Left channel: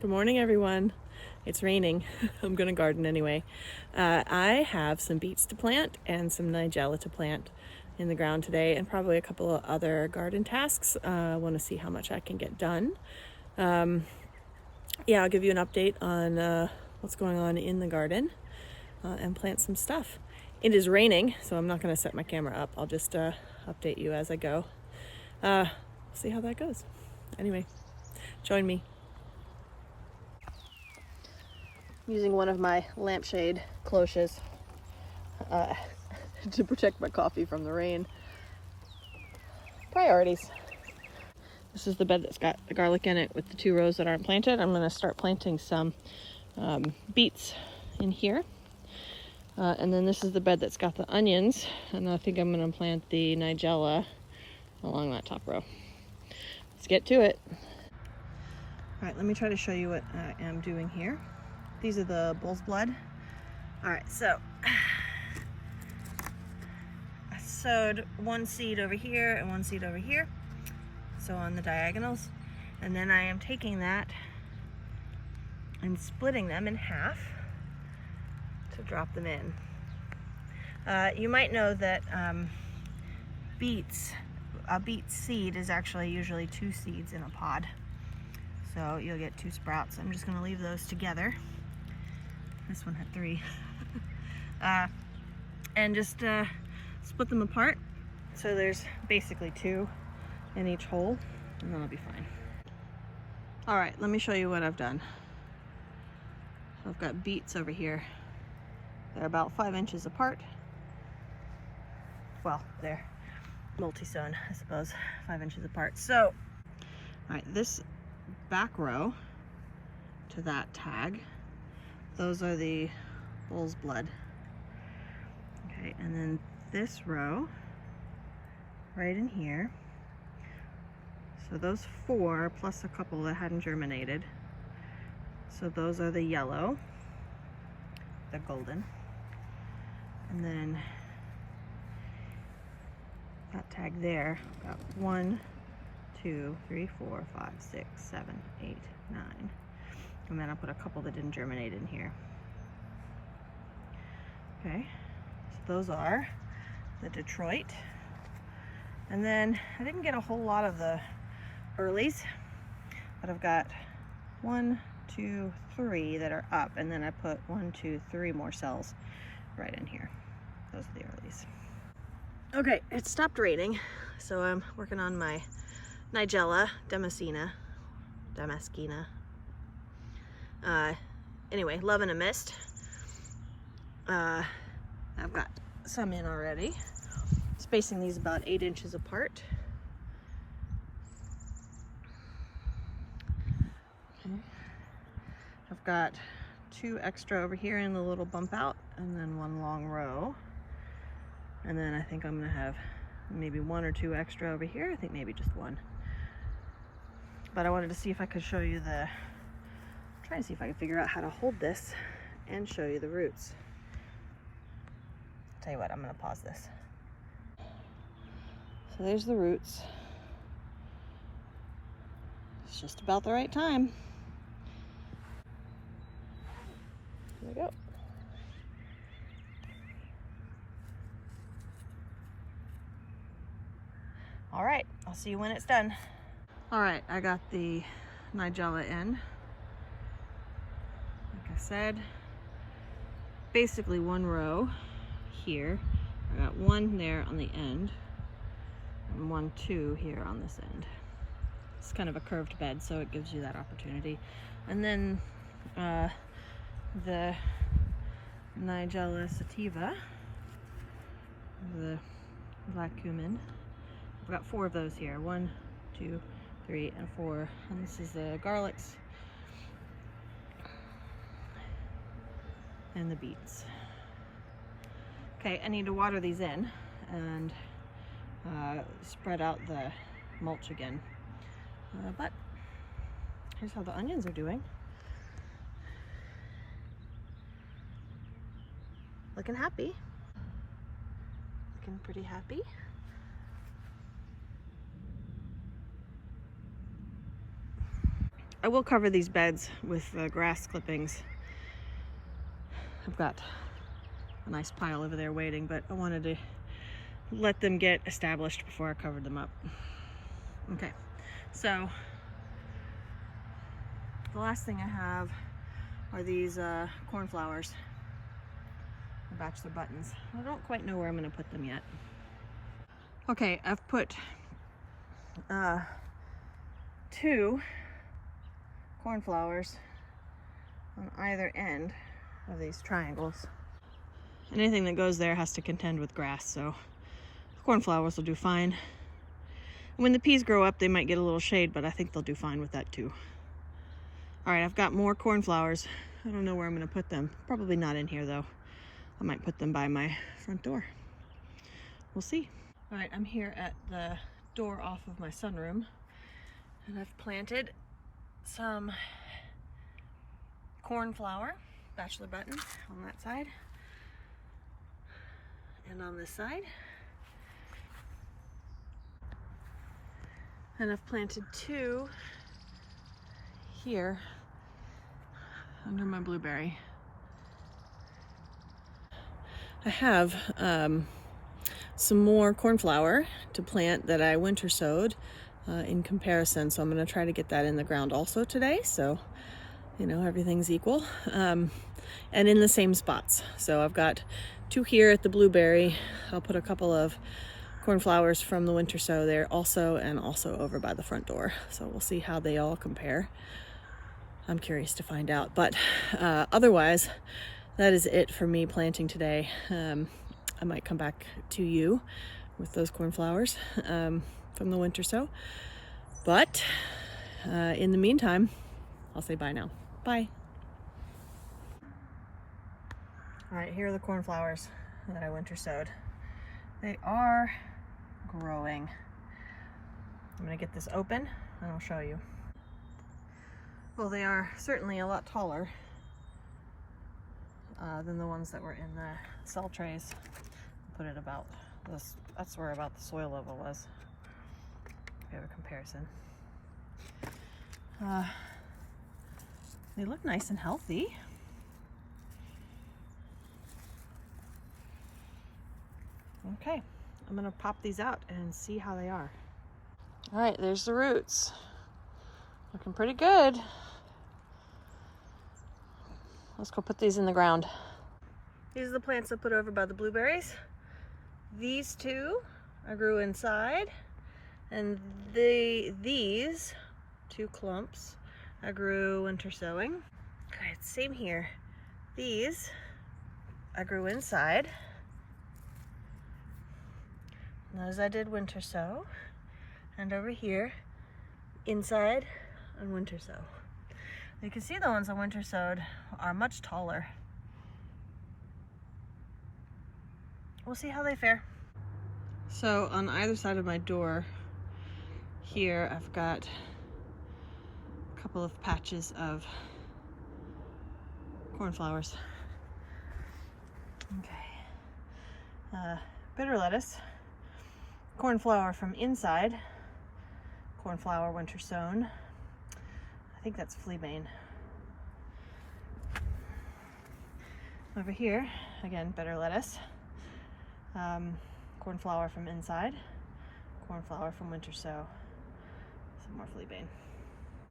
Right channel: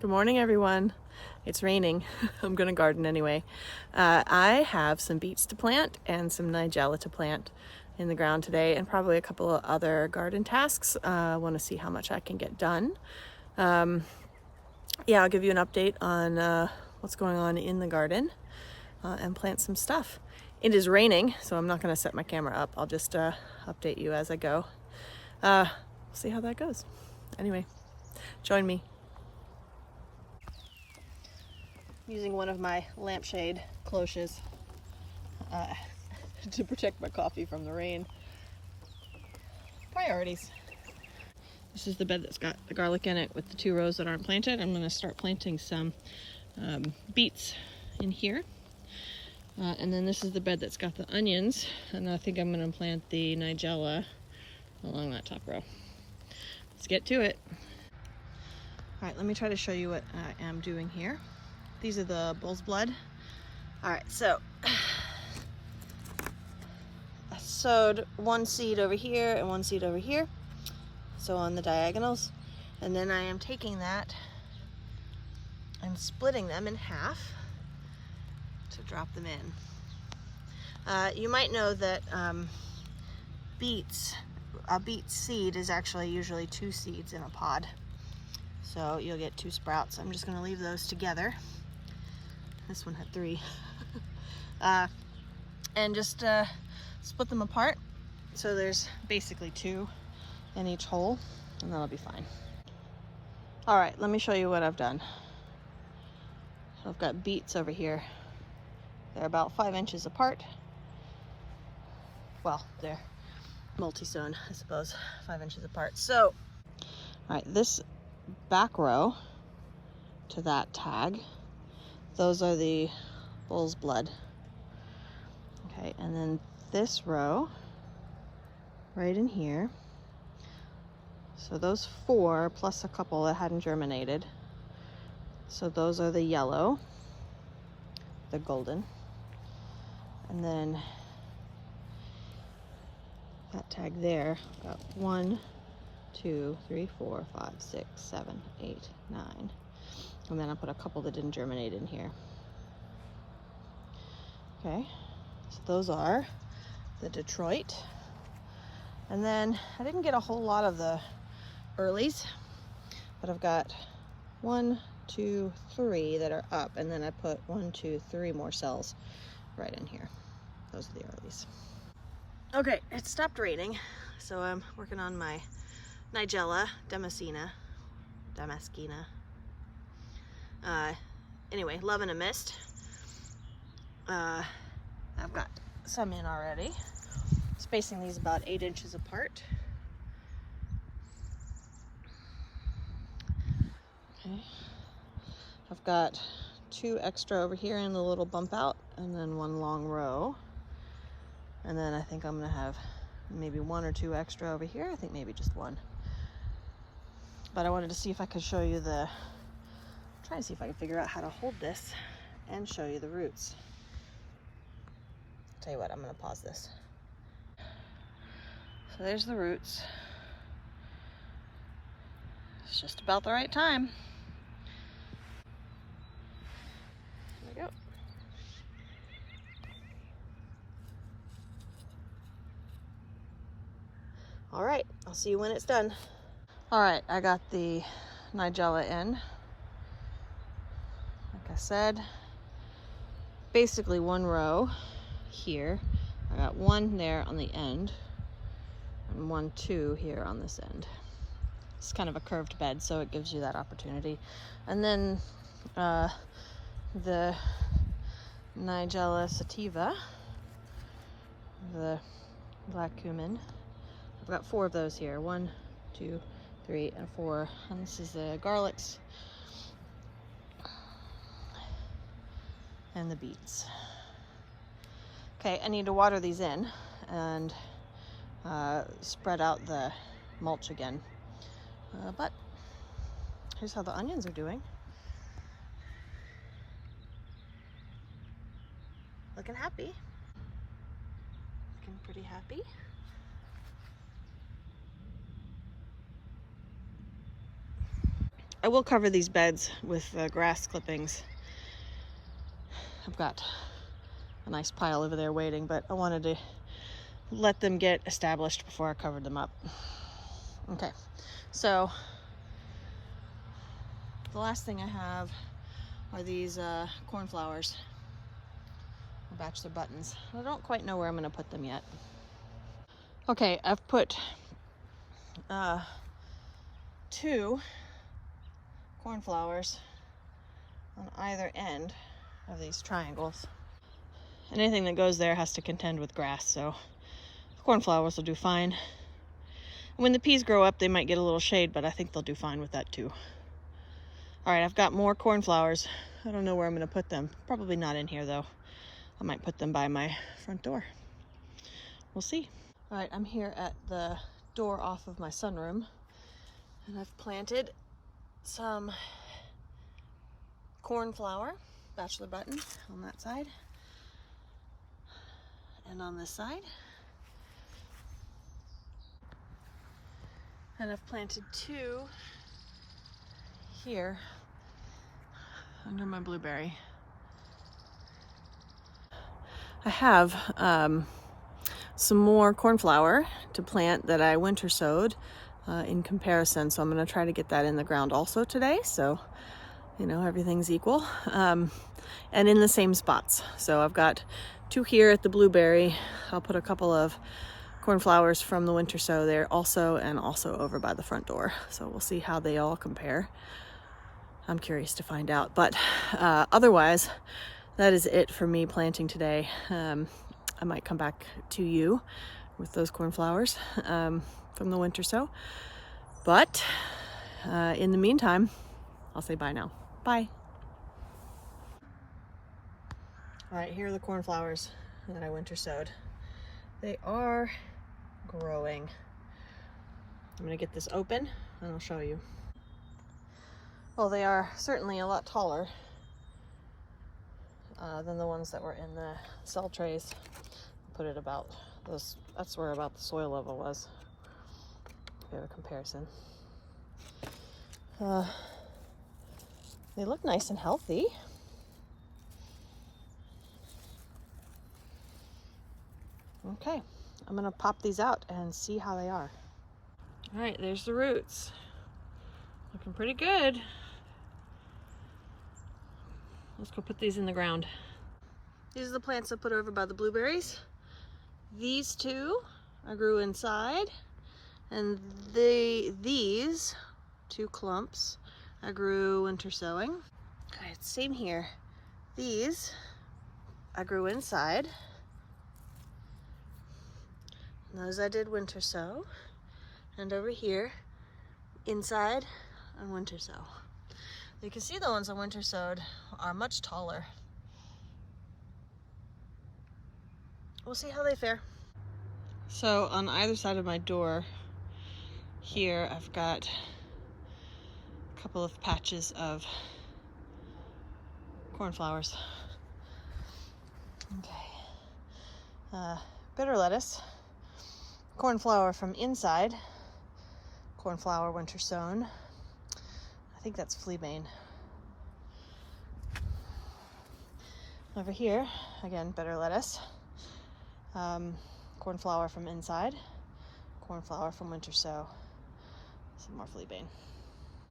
Good morning, everyone. It's raining. I'm gonna garden anyway. I have some beets to plant and some Nigella to plant in the ground today, and probably a couple of other garden tasks. I want to see how much I can get done. Yeah, I'll give you an update on what's going on in the garden and plant some stuff. It is raining, so I'm not going to set my camera up. I'll just update you as I go. We'll see how that goes. Anyway, join me. I'm using one of my lampshade cloches to protect my coffee from the rain. Priorities. This is the bed that's got the garlic in it with the 2 rows that aren't planted. I'm going to start planting some beets in here. And then this is the bed that's got the onions, and I think I'm going to plant the Nigella along that top row. Let's get to it. All right, let me try to show you what I am doing here. These are the bull's blood. All right, so I sowed 1 seed over here and 1 seed over here, so on the diagonals, and then I am taking that and splitting them in half to drop them in. You might know that beets, a beet seed is actually usually 2 seeds in a pod, so you'll get 2 sprouts. I'm just going to leave those together. This one had 3. And just split them apart, so there's basically 2 in each hole, and that'll be fine. All right, let me show you what I've done. So I've got beets over here. They're about 5 inches apart. Well, they're multi-sown, I suppose, 5 inches apart. So, all right, this back row to that tag, those are the bull's blood. Okay, and then this row right in here, so those 4 plus a couple that hadn't germinated, so those are the yellow, the golden, and then that tag there, got 1, 2, 3, 4, 5, 6, 7, 8, 9. And then I'll put a couple that didn't germinate in here. Okay, so those are the Detroit. And then I didn't get a whole lot of the earlies, but I've got 1, 2, 3 that are up, and then I put 1, 2, 3 more cells right in here. Those are the earlies. Okay, it stopped raining, so I'm working on my Nigella Damascena. Anyway, love in a mist. I've got some in already. Spacing these about 8 inches apart. Okay. I've got 2 extra over here in the little bump out, and then 1 long row. And then I think I'm gonna have maybe 1 or 2 extra over here. I think maybe just 1. But I wanted to see if I could show you try to see if I can figure out how to hold this and show you the roots. I'll tell you what, I'm gonna pause this. So there's the roots. It's just about the right time. Here we go. All right, I'll see you when it's done. All right, I got the Nigella in. Like I said, basically 1 row here. I got 1 there on the end, and 1, 2 here on this end. It's kind of a curved bed, so it gives you that opportunity. And then the Nigella sativa, the black cumin. I've got 4 of those here. 1, 2, 3, and 4. And this is the garlics and the beets. Okay, I need to water these in and spread out the mulch again. But here's how the onions are doing. Looking happy. Looking pretty happy. I will cover these beds with grass clippings. I've got a nice pile over there waiting, but I wanted to let them get established before I covered them up. Okay, so the last thing I have are these cornflowers, bachelor buttons. I don't quite know where I'm going to put them yet. Okay, I've put 2 cornflowers on either end of these triangles. Anything that goes there has to contend with grass, so the cornflowers will do fine. When the peas grow up, they might get a little shade, but I think they'll do fine with that too. All right, I've got more cornflowers. I don't know where I'm going to put them. Probably not in here though. I might put them by my front door. We'll see. All right, I'm here at the door off of my sunroom, and I've planted some cornflower, bachelor button, on that side and on this side. And I've planted 2 here under my blueberry. I have some more cornflower to plant that I winter sowed in comparison, so I'm going to try to get that in the ground also today, so you know everything's equal, and in the same spots. So I've got 2 here at the blueberry. I'll put a couple of cornflowers from the winter sow there also, and also over by the front door. So we'll see how they all compare. I'm curious to find out, but otherwise that is it for me planting today. I might come back to you with those cornflowers from the winter sow, but in the meantime, I'll say bye now. Bye. All right, here are the cornflowers that I winter sowed. They are growing. I'm gonna get this open and I'll show you. Well, they are certainly a lot taller than the ones that were in the cell trays. Put it about those, that's where about the soil level was. If you have a comparison. They look nice and healthy. Okay, I'm gonna pop these out and see how they are. All right, there's the roots. Looking pretty good. Let's go put these in the ground. These are the plants I put over by the blueberries. These 2 I grew inside, and these 2 clumps I grew winter sowing. All right, same here. These I grew inside. And those I did winter sow. And over here, inside and winter sow. You can see the ones I winter sowed are much taller. We'll see how they fare. So on either side of my door here, I've got a couple of patches of cornflowers. Okay. Bitter lettuce, cornflower from inside, cornflower winter sown. I think that's fleabane. Over here, again, bitter lettuce, cornflower from inside, cornflower from winter sow, some more fleabane.